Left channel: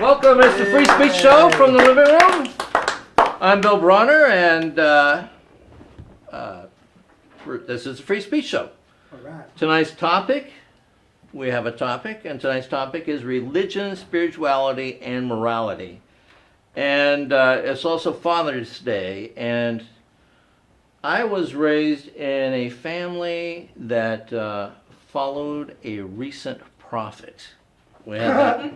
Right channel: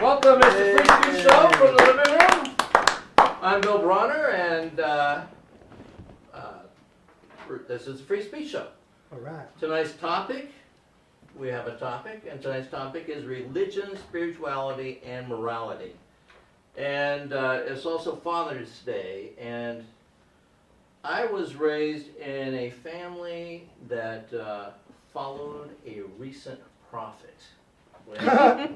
Welcome, it's the Free Speech Show from the living room. I'm Bill Bronner, and this is the Free Speech Show. All right. Tonight's topic, we have a topic, and tonight's topic is religion, spirituality, and morality. And it's also Father's Day, and I was raised in a family that followed a recent prophet. We had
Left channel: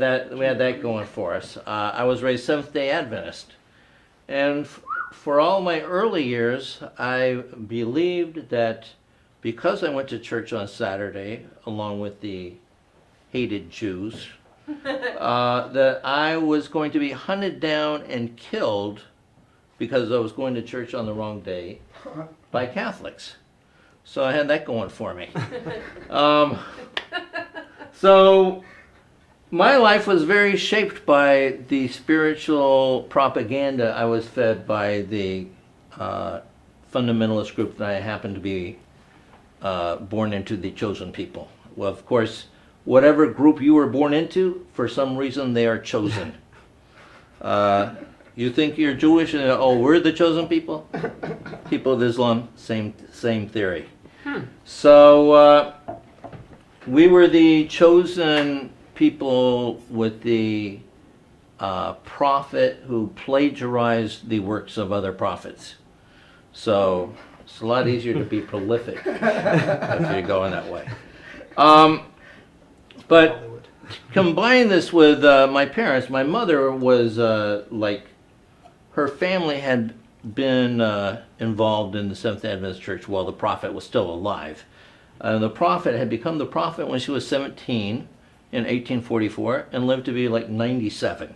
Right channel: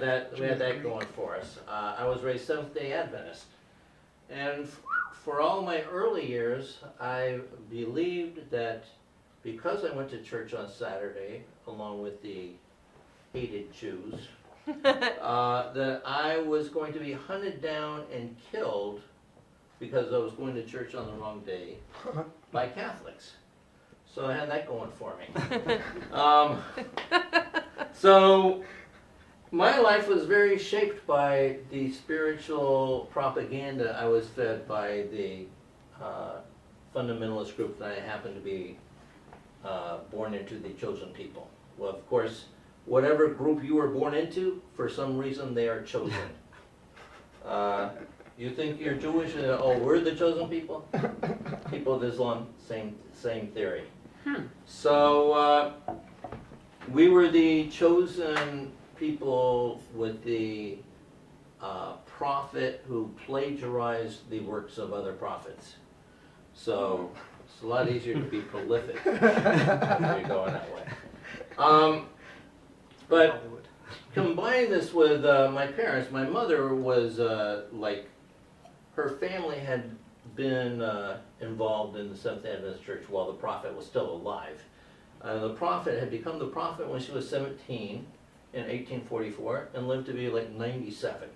that going for us. I was raised Seventh-day Adventist, and for all my early years, I believed that because I went to church on Saturday, along with the hated Jews, that I was going to be hunted down and killed because I was going to church on the wrong day by Catholics. So I had that going for me. So my life was very shaped by the spiritual propaganda I was fed by the fundamentalist group that I happened to be born into, the chosen people. Well, of course, whatever group you were born into, for some reason they are chosen. You think you're Jewish and, oh, we're the chosen people? People of Islam, same theory. So we were the chosen people with the prophet who plagiarized the works of other prophets. So it's a lot easier to be prolific if you're going that way. But combine this with my parents. My mother was her family had been involved in the Seventh-day Adventist Church while the prophet was still alive. The prophet had become the prophet when she was 17 in 1844 and lived to be like 97.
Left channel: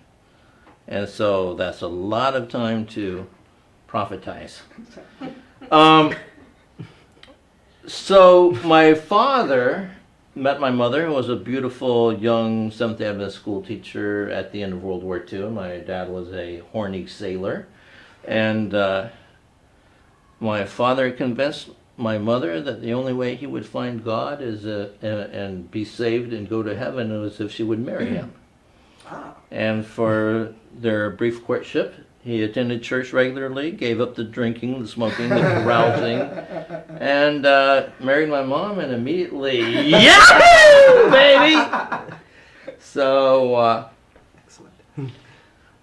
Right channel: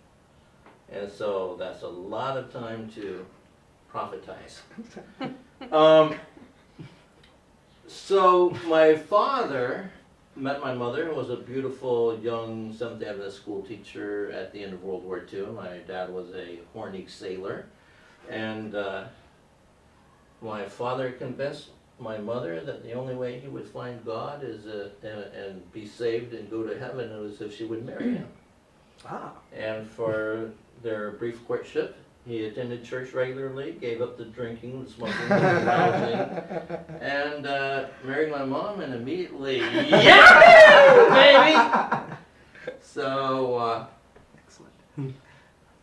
And so that's a lot of time to prophetize. So my father met my mother, who was a beautiful young Seventh-day Adventist school teacher at the end of World War II. My dad was a horny sailor. And my father convinced my mother that the only way he would find God is and be saved and go to heaven was if she would marry him. Wow. And for their brief courtship, he attended church regularly, gave up the drinking, the smoking, the carousing, and married my mom, and immediately, yeah, baby. So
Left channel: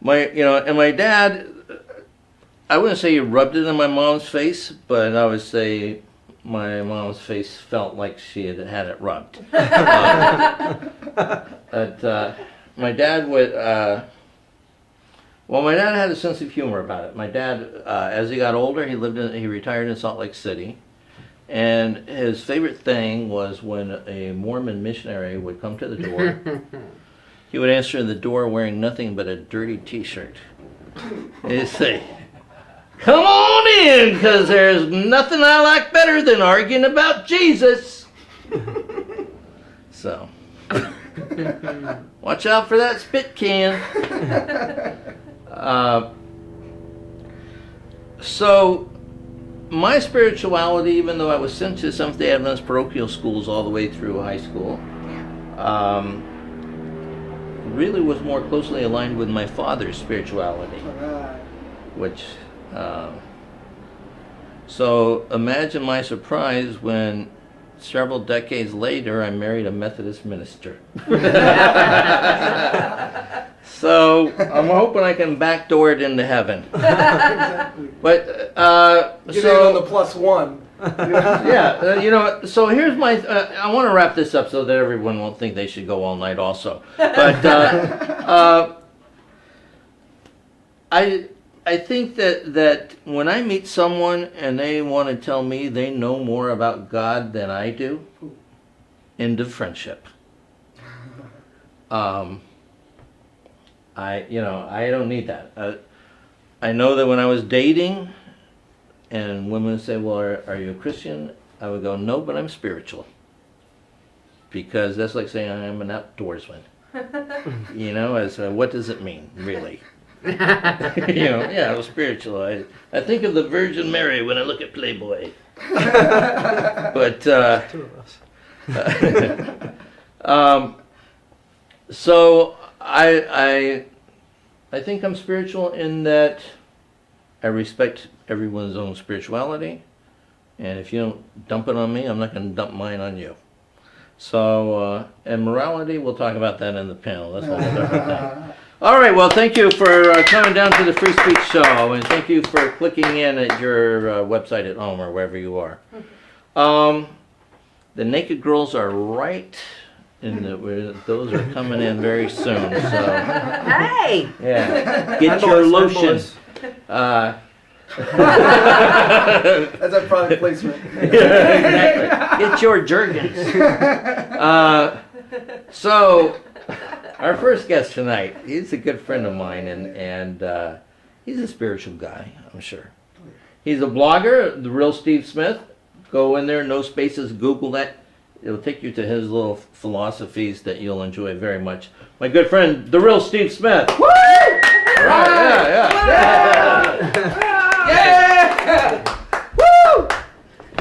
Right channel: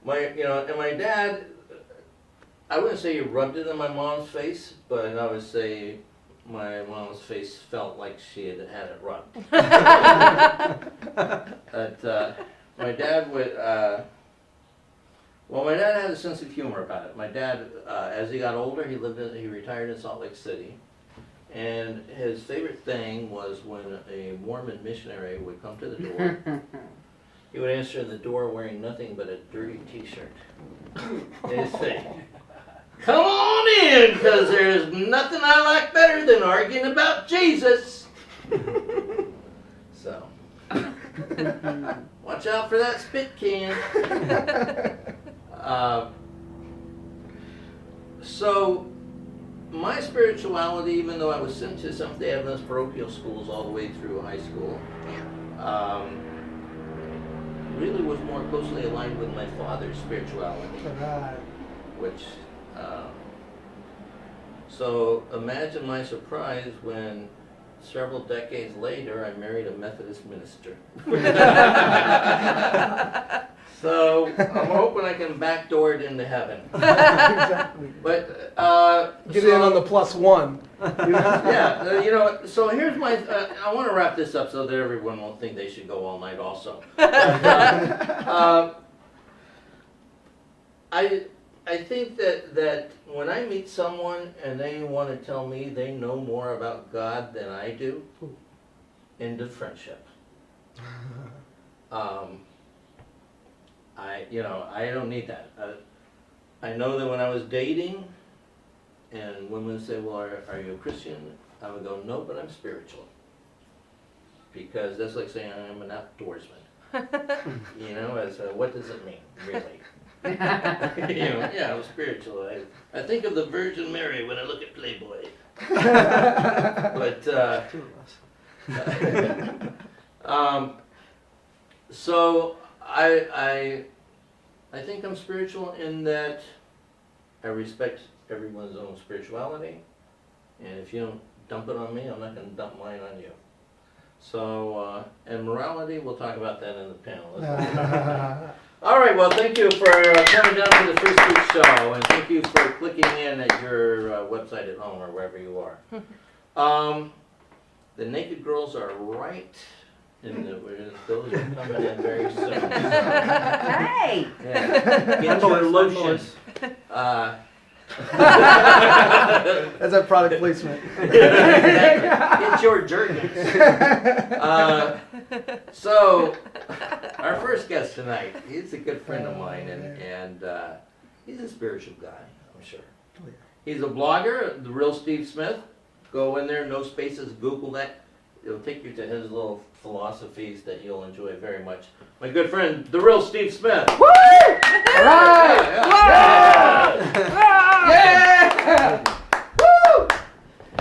my dad, I wouldn't say he rubbed it in my mom's face, but I would say my mom's face felt like she had had it rubbed. But my dad would, my dad had a sense of humor about it. My dad, as he got older, he retired in Salt Lake City, and his favorite thing was when a Mormon missionary would come to the door. He would answer the door wearing nothing but a dirty T-shirt. He'd say, "Come on in, because there's nothing I like better than arguing about Jesus." So, watch out for that spit can. So, my spirituality, even though I was sent to Seventh-day Adventist parochial schools all the way through high school, really was more closely aligned with my father's spirituality. Right. Which, so imagine my surprise when several decades later I married a Methodist minister. So I'm hoping I can backdoor it into heaven. Exactly. But Get in on the +1. yeah, so here's my. I want to wrap this up so that everyone won't think they should go all night. Also, but I think that when I meet someone and they want to tell me they know more about God than I do, end of friendship. I don't need that. I know that when I was dating, and women would say, "Well, are you a Christian?" I would go, "No, but I'm spiritual." Because that's like saying I'm an outdoorsman. As what does it mean, really? Yeah, I'm spiritual. I think of the Virgin Mary when I look at Playboy. But Two of us. So I think I'm spiritual in that I respect everyone's own spirituality, and if you don't dump it on me, I'm not going to dump mine on you. So, and morality, we'll talk about that in the panel. That's what we'll talk about. All right, well, thank you for coming down to the Free Speech Show, and thank you for clicking in at your website at home or wherever you are. The naked girls are right in the, those are coming in very soon. So, Hey! yeah, get your lotion. That's a product placement. Exactly. Get your Jergens. So, our first guest tonight, he's a good friend of mine, and he's a spiritual guy, I'm sure. He's a blogger, The Real Steve Smith. Go in there, no spaces, Google that. It'll take you to his little philosophies that you'll enjoy very much. My good friend, The Real Steve Smith. Woo! Right. Yeah! Woo!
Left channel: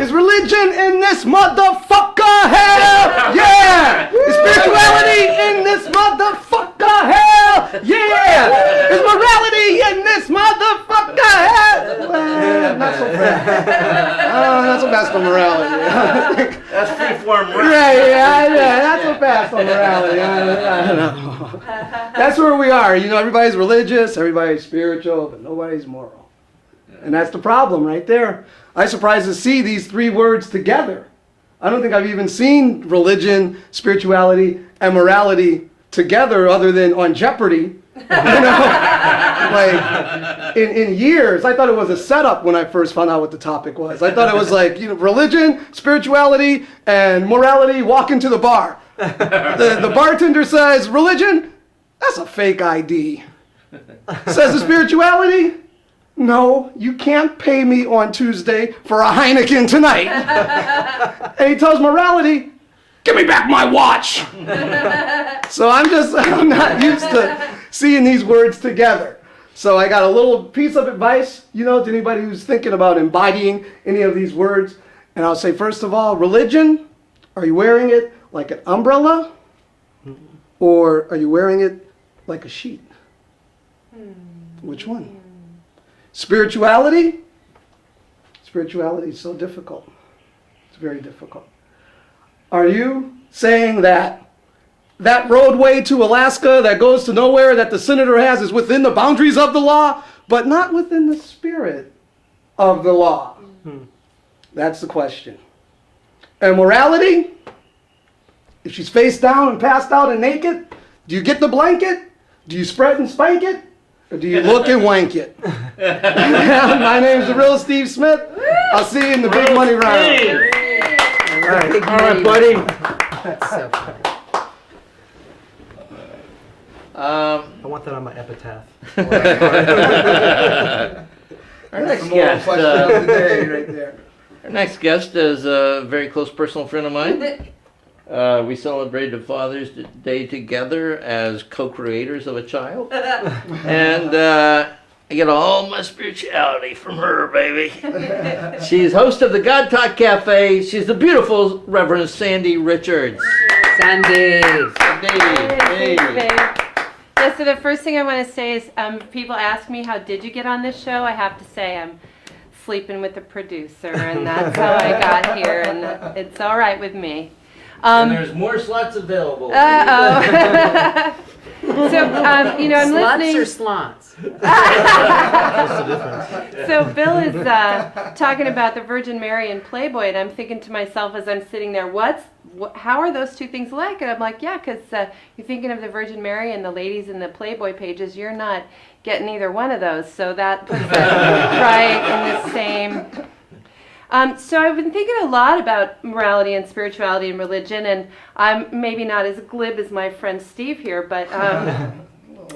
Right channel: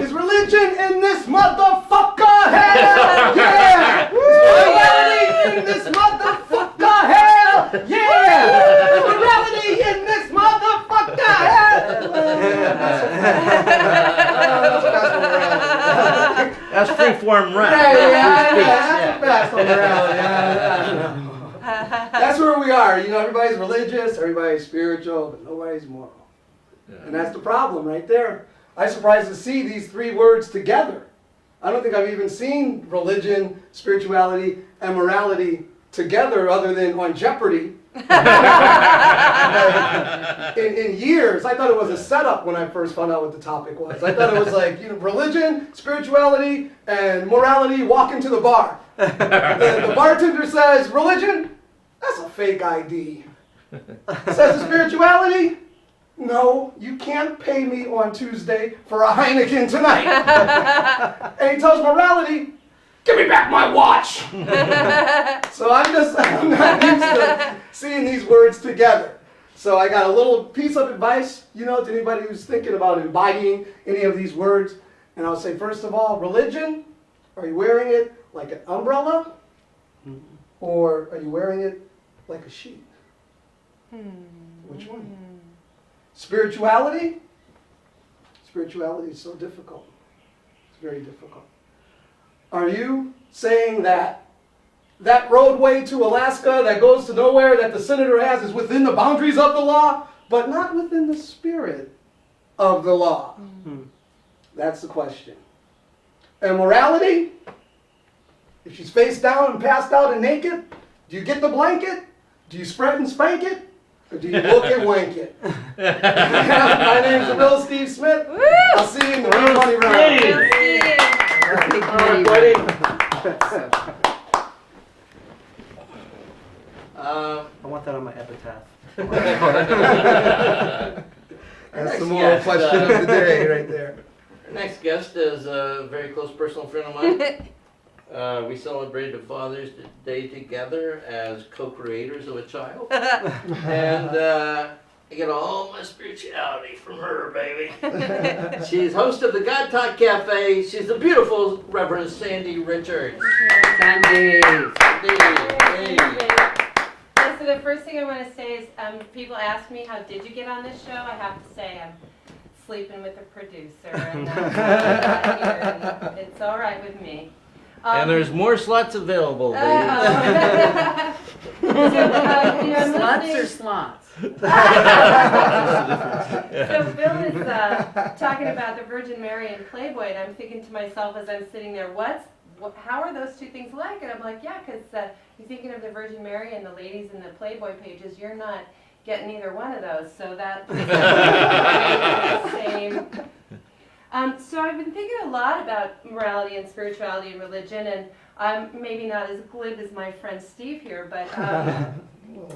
Is religion in this motherfucker? Hell yeah! Is spirituality in this motherfucker? Hell yeah! Is morality in this motherfucker? Hell yeah! Not so fast on morality. That's freeform rap. Yeah, not so fast on morality. I don't know. That's where we are. You know, everybody's religious, everybody's spiritual, but nobody's moral. And that's the problem right there. I'm surprised to see these three words together. I don't think I've even seen religion, spirituality, and morality together other than on Jeopardy. Like, in years. I thought it was a setup when I first found out what the topic was. I thought it was like, you know, religion, spirituality, and morality walk into the bar. The bartender says, religion? That's a fake ID. Says the spirituality? No, you can't pay me on Tuesday for a Heineken tonight. And he tells morality, give me back my watch. So I'm not used to seeing these words together. So I got a little piece of advice, you know, to anybody who's thinking about embodying any of these words. And I'll say, first of all, religion, are you wearing it like an umbrella? Or are you wearing it like a sheet? Which one? Spirituality? Spirituality is so difficult. It's very difficult. Are you saying that that roadway to Alaska that goes to nowhere that the senator has is within the boundaries of the law, but not within the spirit of the law? That's the question. And morality? If she's face down and passed out and naked, do you get the blanket? Do you spread and spank it? Or do you look and wank it? My name's The Real Steve Smith. I'll see you in the big money round. All right, buddy. I want that on my epitaph. Our next the moral guest, question of the day right there. our next guest is a very close personal friend of mine. We celebrated Father's Day together as co-creators of a child. And I get all my spirituality from her, baby. She's host of the God Talk Cafe. She's the beautiful Reverend Sandy Richards. Sandy! Hey. Yeah, so the first thing I want to say is people ask me, how did you get on this show? I have to say I'm sleeping with the producer, and that's how I got here, and it's all right with me. And there's more slots available. Uh-oh. So, you know, I'm Sluts listening. or slots? So Bill is talking about the Virgin Mary and Playboy, and I'm thinking to myself as I'm sitting there, how are those two things alike? And I'm like, yeah, because you're thinking of the Virgin Mary and the ladies in the Playboy pages. You're not getting either one of those, so that puts it right in the same. So I've been thinking a lot about morality and spirituality and religion, and I'm maybe not as glib as my friend Steve here, but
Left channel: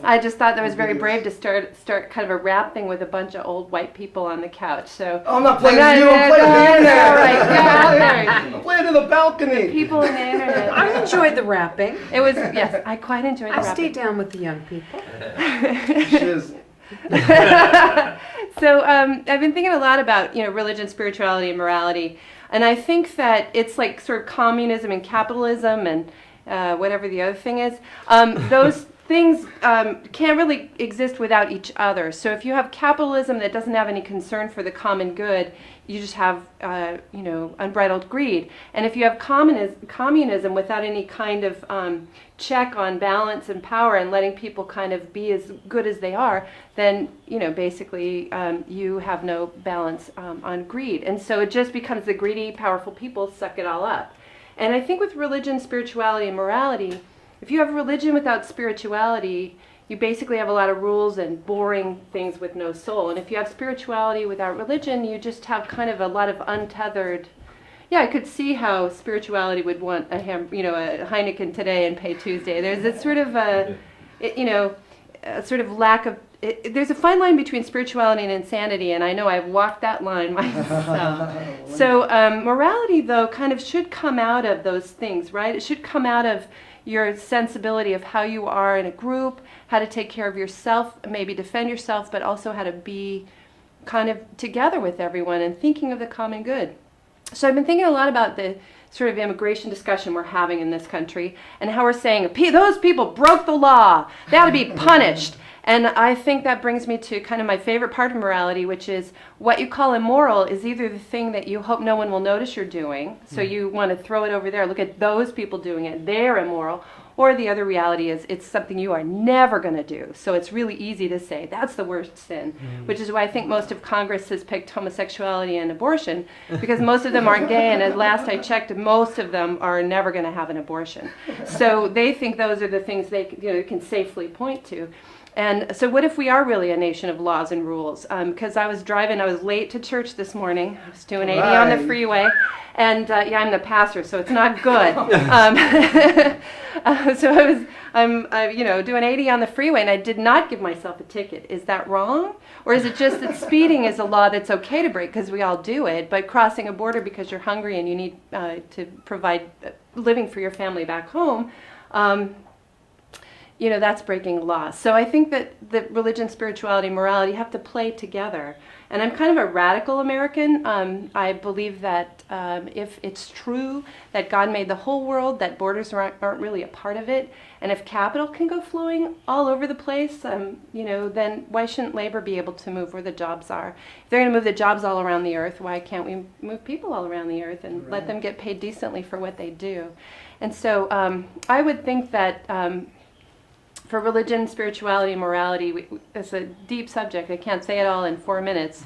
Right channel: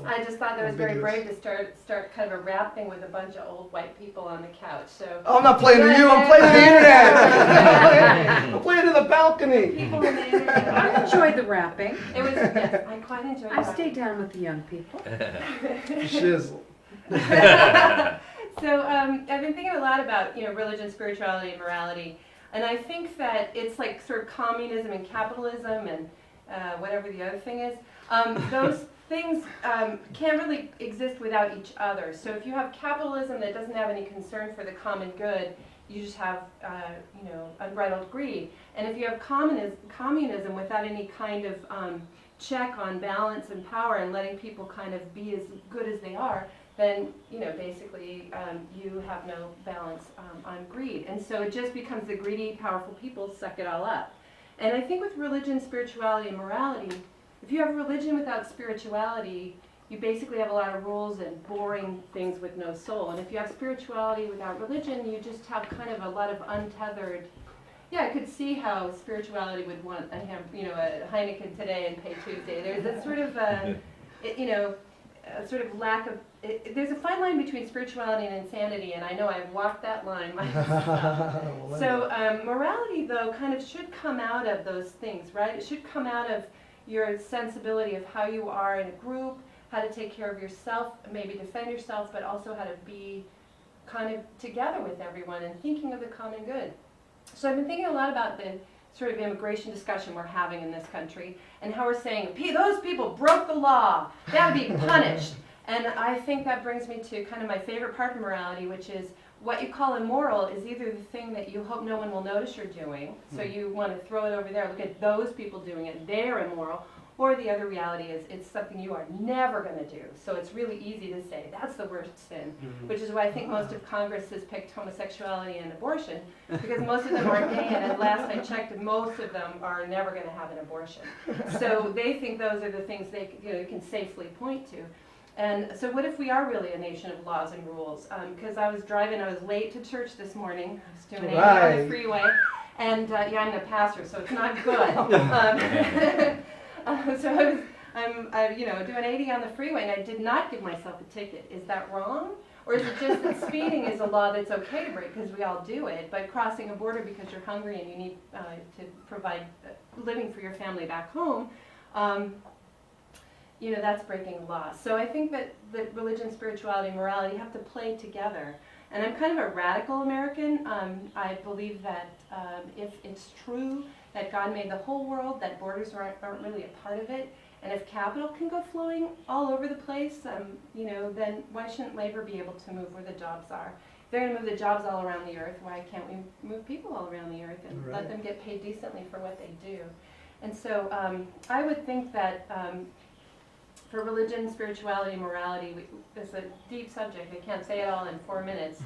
I just thought that was very brave to start kind of a rap thing with a bunch of old white people on the couch. So Oh, I'm not playing to you, I'm playing to the internet. All right, I'm playing to the balcony. people in the internet. I enjoyed the rapping. It was, yes, I quite enjoyed the I rap. stayed down with the young people. Shizzle. So I've been thinking a lot about, you know, religion, spirituality, and morality, and I think that it's like sort of communism and capitalism and whatever the other thing is. Those things can't really exist without each other. So if you have capitalism that doesn't have any concern for the common good, you just have, unbridled greed. And if you have communism without any kind of check on balance and power and letting people kind of be as good as they are, then, basically you have no balance on greed. And so it just becomes the greedy, powerful people suck it all up. And I think with religion, spirituality, and morality, if you have religion without spirituality, you basically have a lot of rules and boring things with no soul. And if you have spirituality without religion, you just have kind of a lot of untethered. Yeah, I could see how spirituality would want a Heineken today and pay Tuesday. There's this sort of a sort of lack of. There's a fine line between spirituality and insanity, and I know I've walked that line myself. So morality, though, kind of should come out of those things, right? It should come out of your sensibility of how you are in a group, how to take care of yourself, maybe defend yourself, but also how to be kind of together with everyone and thinking of the common good. So I've been thinking a lot about the sort of immigration discussion we're having in this country and how we're saying, those people broke the law, they ought to be punished. And I think that brings me to kind of my favorite part of morality, which is what you call immoral is either the thing that you hope no one will notice you're doing, so you want to throw it over there, look at those people doing it, they're immoral, or the other reality is it's something you are never going to do. So it's really easy to say that's the worst sin, which is why I think most of Congress has picked homosexuality and abortion, because most of them aren't gay, and at last I checked, most of them are never going to have an abortion. So they think those are the things they can safely point to. And so what if we are really a nation of laws and rules? Because I was late to church this morning. I was doing 80 on the freeway. And I'm the pastor, so it's not good. So I'm doing 80 on the freeway, and I did not give myself a ticket. Is that wrong? Or is it just that speeding is a law that's okay to break because we all do it, but crossing a border because you're hungry and you need to provide living for your family back home, that's breaking law. So I think that religion, spirituality, morality have to play together. And I'm kind of a radical American. I believe that if it's true that God made the whole world, that borders aren't really a part of it, and if capital can go flowing all over the place, then why shouldn't labor be able to move where the jobs are? If they're going to move the jobs all around the earth, why can't we move people all around the earth and let them get paid decently for what they do? And so I would think that for religion, spirituality, and morality, it's a deep subject. I can't say it all in 4 minutes.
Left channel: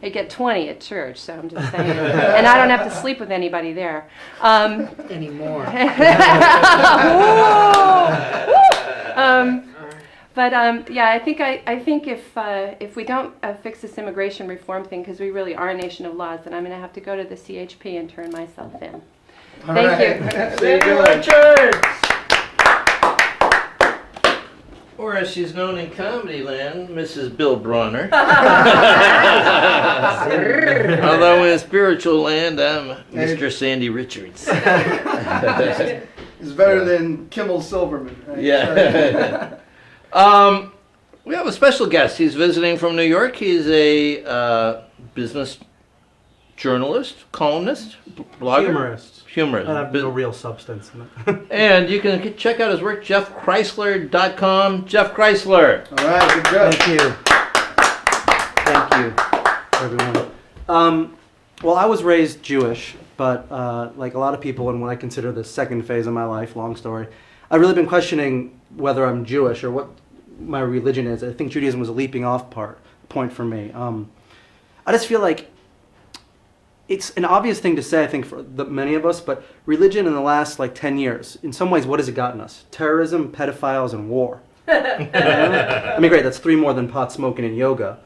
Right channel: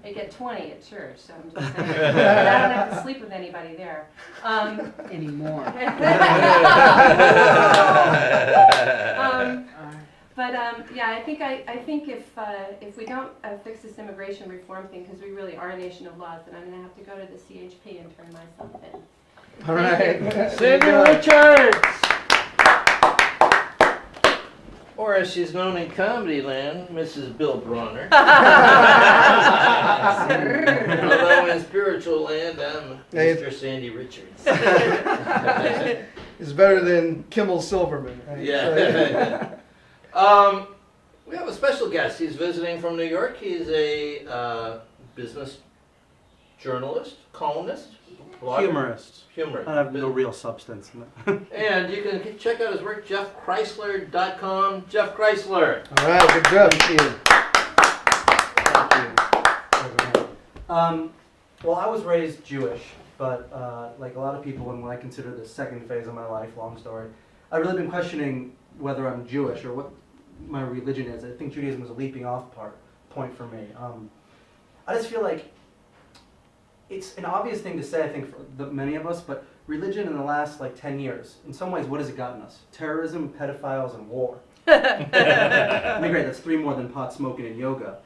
I get 20 at church, so I'm just saying. And I don't have to sleep with anybody there. Anymore. I think if we don't fix this immigration reform thing, because we really are a nation of laws, then I'm going to have to go to the CHP and turn myself in. Thank you. Sandy Richards! Or as she's known in comedy land, Mrs. Bill Bronner. Although in spiritual land, I'm Mr. Sandy Richards. It's better than Kimmel Silverman, right? Yeah. We have a special guest. He's visiting from New York. He's a business journalist, columnist, blogger. Humorist. I have no real substance in it. And you can check out his work, jeffchrysler.com. Jeff Chrysler. All right, good job. Thank you, everyone. Well, I was raised Jewish, but like a lot of people in what I consider the second phase of my life, long story, I've really been questioning whether I'm Jewish or what my religion is. I think Judaism was a leaping off point for me. I just feel like it's an obvious thing to say, I think, for many of us, but religion in the last 10 years, in some ways, what has it gotten us? Terrorism, pedophiles, and war. I mean, great, that's 3 more than pot smoking and yoga.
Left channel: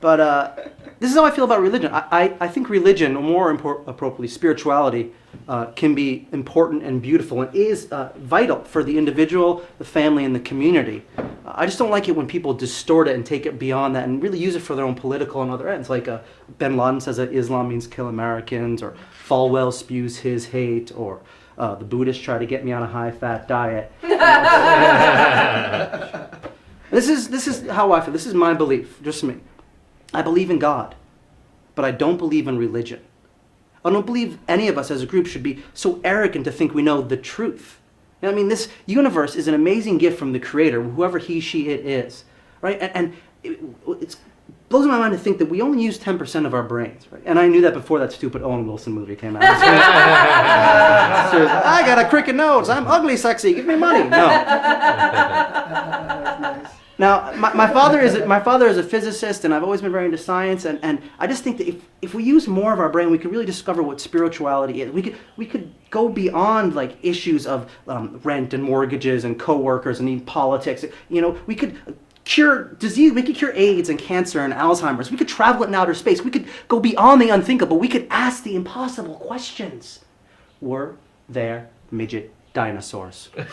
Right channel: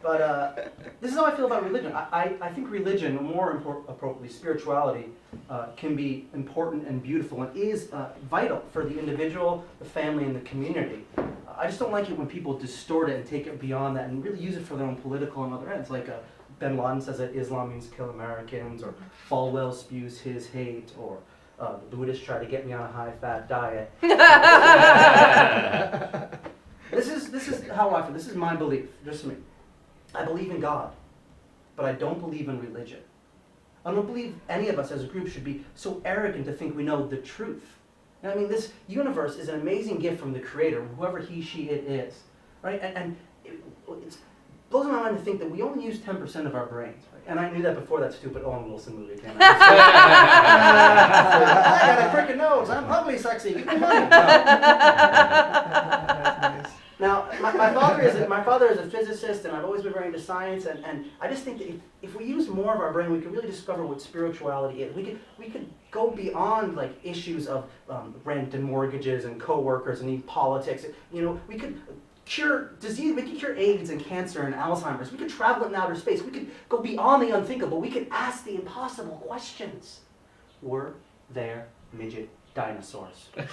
But this is how I feel about religion. I think religion, or more appropriately, spirituality, can be important and beautiful and is vital for the individual, the family, and the community. I just don't like it when people distort it and take it beyond that and really use it for their own political and other ends. Like Ben Laden says that Islam means kill Americans, or Falwell spews his hate, or the Buddhists try to get me on a high-fat diet. This is how I feel. This is my belief, just me. I believe in God, but I don't believe in religion. I don't believe any of us as a group should be so arrogant to think we know the truth. I mean, this universe is an amazing gift from the Creator, whoever he, she, it is, right? And it blows my mind to think that we only use 10% of our brains, right? And I knew that before that stupid Owen Wilson movie came out. I got a crooked nose. I'm ugly, sexy. Give me money. No. That's nice. Now, my father is a physicist, and I've always been very into science, and I just think that if we use more of our brain, we could really discover what spirituality is. We could go beyond like issues of rent and mortgages and coworkers and even politics. You know, we could cure disease, we could cure AIDS and cancer and Alzheimer's. We could travel in outer space. We could go beyond the unthinkable. We could ask the impossible questions. Were there midget dinosaurs? Think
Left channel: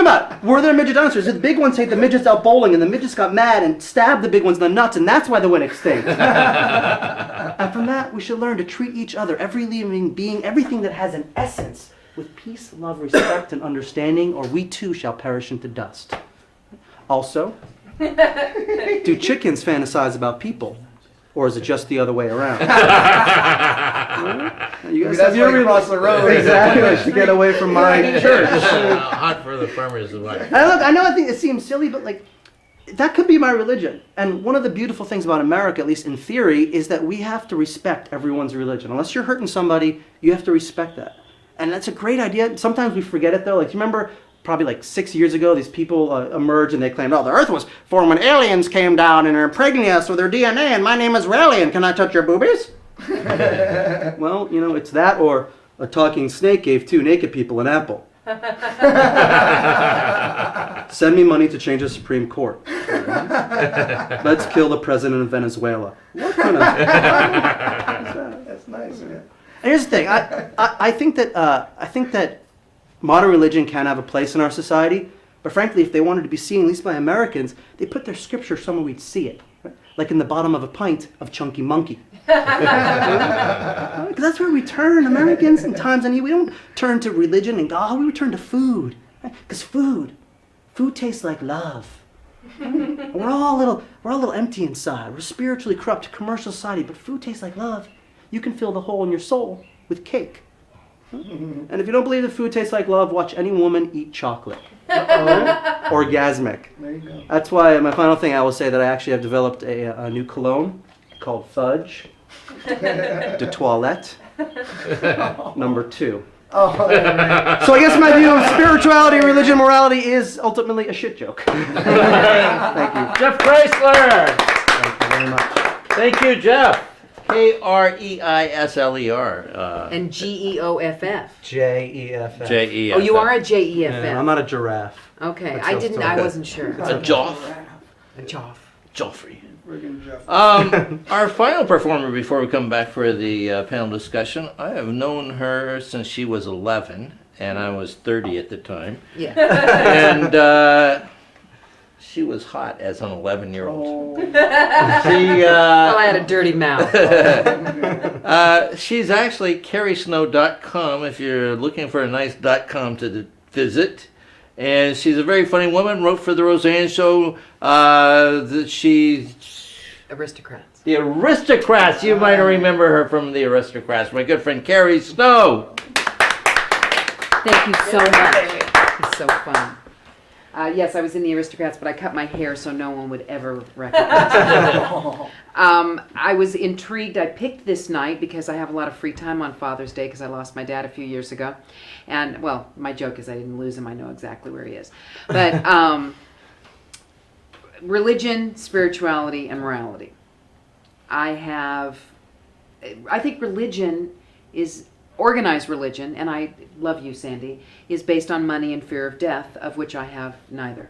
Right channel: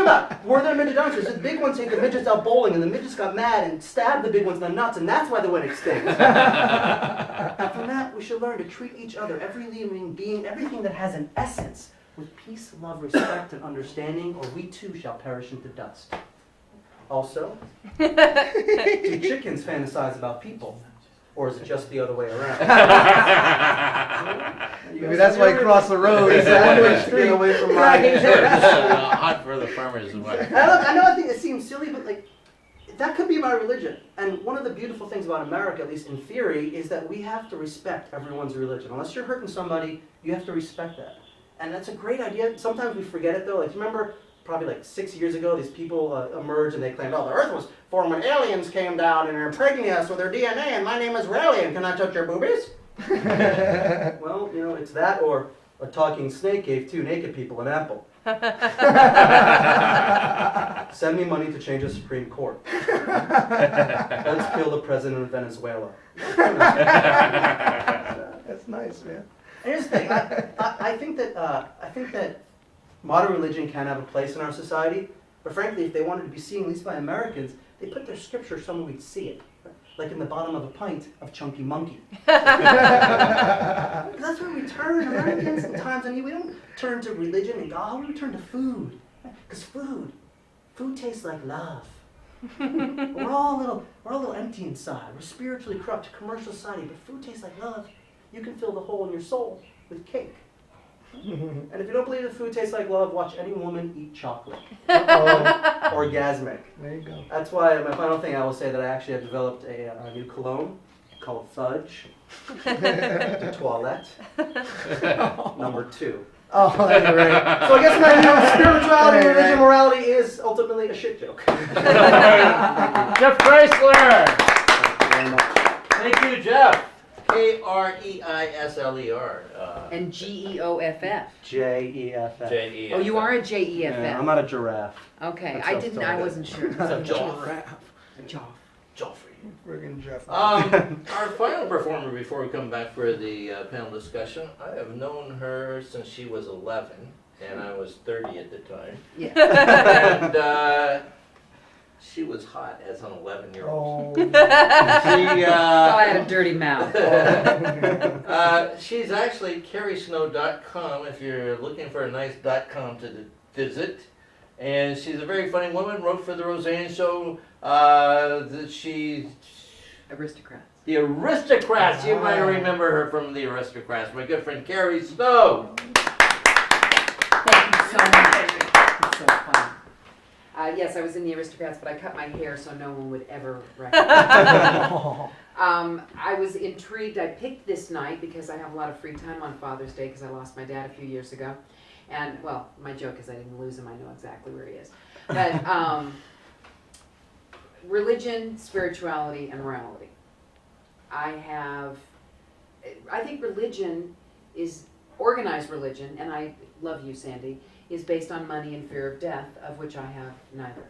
about it. Were there midget dinosaurs? Did the big ones take the midgets out bowling and the midgets got mad and stabbed the big ones in the nuts, and that's why they went extinct? And from that, we should learn to treat each other, every living being, everything that has an essence, with peace, love, respect, and understanding, or we too shall perish into dust. Also, do chickens fantasize about people? Or is it just the other way around? You guys That's have why you cross the road. Exactly, to get away from my church. Hunt for the farmer's wife. And look, I know I think it seems silly, but like, that could be my religion. And one of the beautiful things about America, at least in theory, is that we have to respect everyone's religion. Unless you're hurting somebody, you have to respect that. And that's a great idea. Sometimes we forget it though. Like, you remember probably like 6 years ago, these people emerged and they claimed, oh, the earth was formed when aliens came down and impregnated us with their DNA, and my name is Raelian. Can I touch your boobies? Well, you know, it's that, or a talking snake gave 2 naked people an apple. Send me money to change the Supreme Court. Let's kill the president of Venezuela. What kind of... That's nice, man. And here's the thing. I think that modern religion can have a place in our society, but frankly, if they wanted to be seen, at least by Americans, they put their scripture somewhere we'd see it, right? Like in the bottom of a pint of Chunky Monkey. Because that's where we turn, Americans, in times of need. We don't turn to religion and God. We return to food, because food tastes like love. We're all a little empty inside. We're spiritually corrupt, commercial society, but food tastes like love. You can fill the hole in your soul with cake. And if you don't believe that food tastes like love, watch any woman eat chocolate. Orgasmic. There you go. That's why my final thing I will say that I actually have developed a new cologne called Fudge de Toilette number 2. Oh, right. So I guess my spirituality, religion, morality is ultimately a shit joke. Thank you. Jeff Chrysler. Thank you very much. Thank you, Jeff. Kreisler. And GEOFF. J-E-F-F. J-E-F. Oh, you are a JEFF. Yeah, I'm not a giraffe. Okay, That's I didn't. I self-storage. wasn't sure. A Joff. A Joff. Joffrey. Friggin' Jeff. Our final performer before we come back for the panel discussion, I have known her since she was 11, and I was 30 at the time. Yeah. And she was hot as an 11-year-old. Oh. She, Oh, I had a dirty mouth. she's actually carriesnow.com if you're looking for a nice .com to visit. And she's a very funny woman, wrote for The Roseanne Show. That she... Aristocrats. The Aristocrats, you might remember her from The Aristocrats. My good friend Carrie Snow. Thank you so much. It's so fun. Yes, I was in the Aristocrats, but I cut my hair so no one would ever recognize me. I was intrigued. I picked this night because I have a lot of free time on Father's Day because I lost my dad a few years ago. And, well, my joke is I didn't lose him. I know exactly where he is. But religion, spirituality, and morality. I think religion is, organized religion, and I love you, Sandy, is based on money and fear of death, of which I have neither.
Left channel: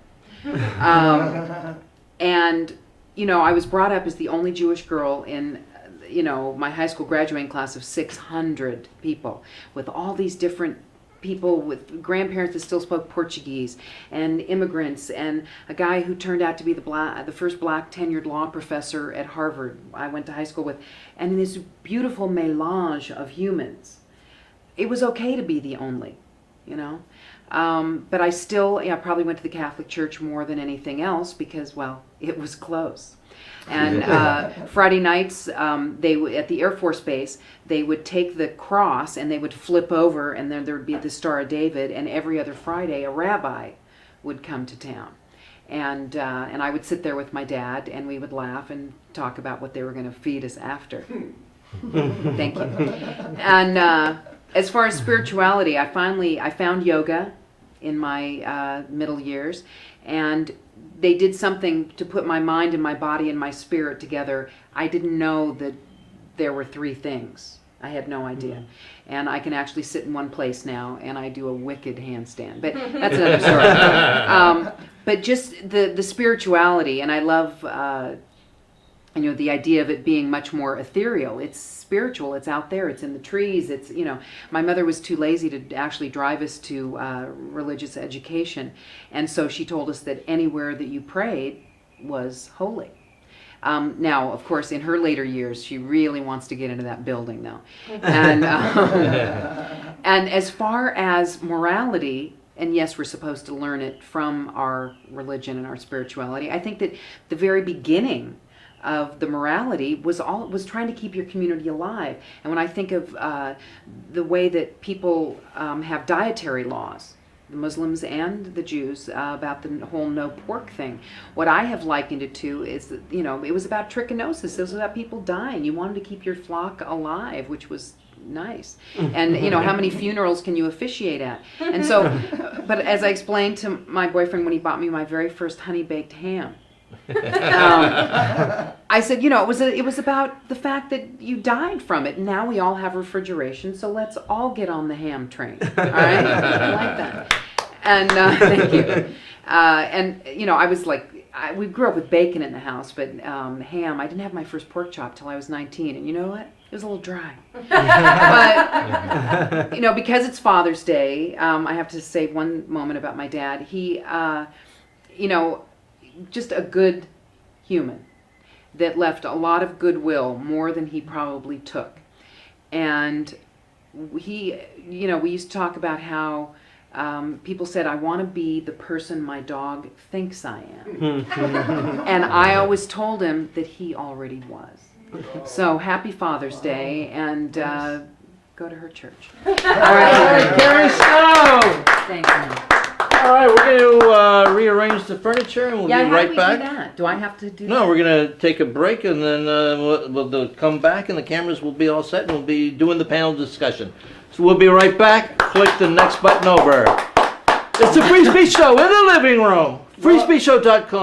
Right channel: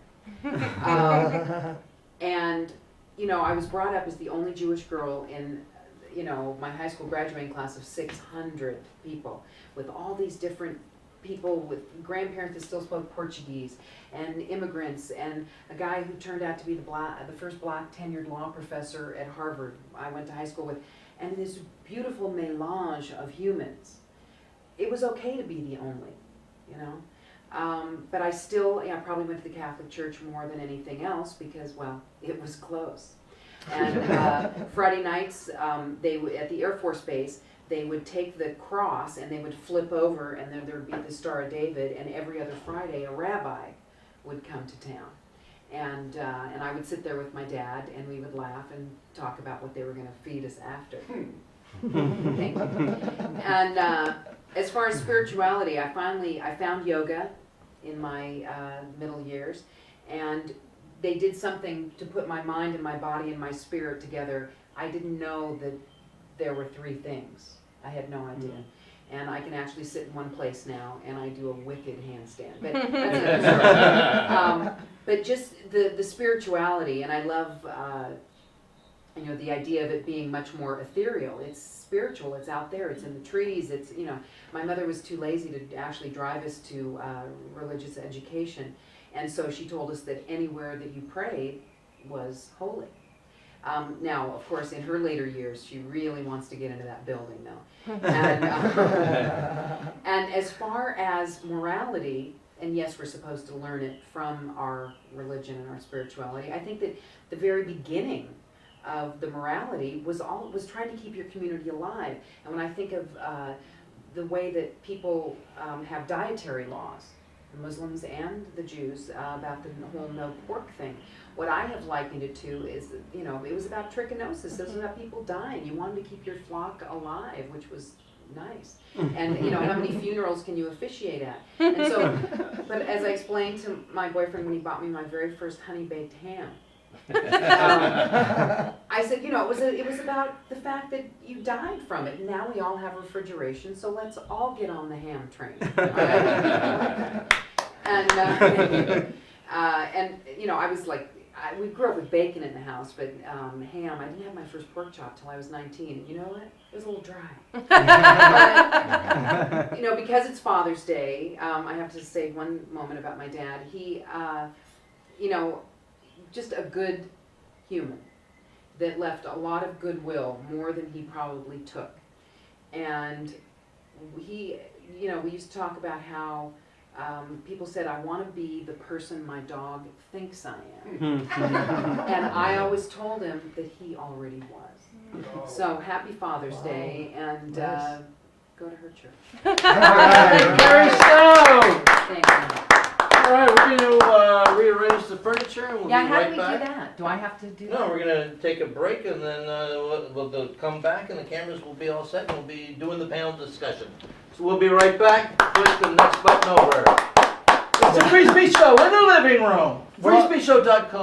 And, you know, I was brought up as the only Jewish girl in, you know, my high school graduating class of 600 people, with all these different people with grandparents that still spoke Portuguese, and immigrants, and a guy who turned out to be the first black tenured law professor at Harvard I went to high school with, and this beautiful melange of humans. It was okay to be the only, you know. But I still, probably went to the Catholic Church more than anything else because, well, it was close. And Friday nights, at the Air Force Base, they would take the cross and they would flip over, and then there would be the Star of David. And every other Friday, a rabbi would come to town, and I would sit there with my dad, and we would laugh and talk about what they were going to feed us after. Thank you. And as far as spirituality, I found yoga in my middle years, and they did something to put my mind and my body and my spirit together. I didn't know that there were three things. I had no idea. And I can actually sit in one place now, and I do a wicked handstand. But that's another story. But just the spirituality, and I love the idea of it being much more ethereal. It's spiritual. It's out there. It's in the trees. It's my mother was too lazy to actually drive us to religious education, and so she told us that anywhere that you prayed was holy. Now, of course, in her later years, she really wants to get into that building, though. And and as far as morality, and yes, we're supposed to learn it from our religion and our spirituality. I think that the very beginning of the morality was trying to keep your community alive. And when I think of the way that people have dietary laws, the Muslims and the Jews, about the whole no pork thing, what I have likened it to is that, it was about trichinosis. It was about people dying. You wanted to keep your flock alive, which was nice. And how many funerals can you officiate at? And so, but as I explained to my boyfriend when he bought me my very first honey baked ham, I said, it was about the fact that you died from it. Now we all have refrigeration, so let's all get on the ham train. All right, I like that. And thank you. And I was like, we grew up with bacon in the house, but ham. I didn't have my first pork chop till I was 19, and you know what? It was a little dry. But because it's Father's Day, I have to say one moment about my dad. He, just a good human that left a lot of goodwill, more than he probably took. And he, we used to talk about how people said, I want to be the person my dog thinks I am. And I always told him that he already was. So happy Father's Day, and go to her church. All right, Carrie Snow. Thank you. All right, we're going to rearrange the furniture, and we'll Yeah, be how right do we back. do that? Do I have to do that? No, we're going to take a break, and then we'll come back, and the cameras will be all set, and we'll be doing the panel discussion. So we'll be right back. Click the next button over. It's the Free Speech Show in the living room. FreeSpeechShow.com.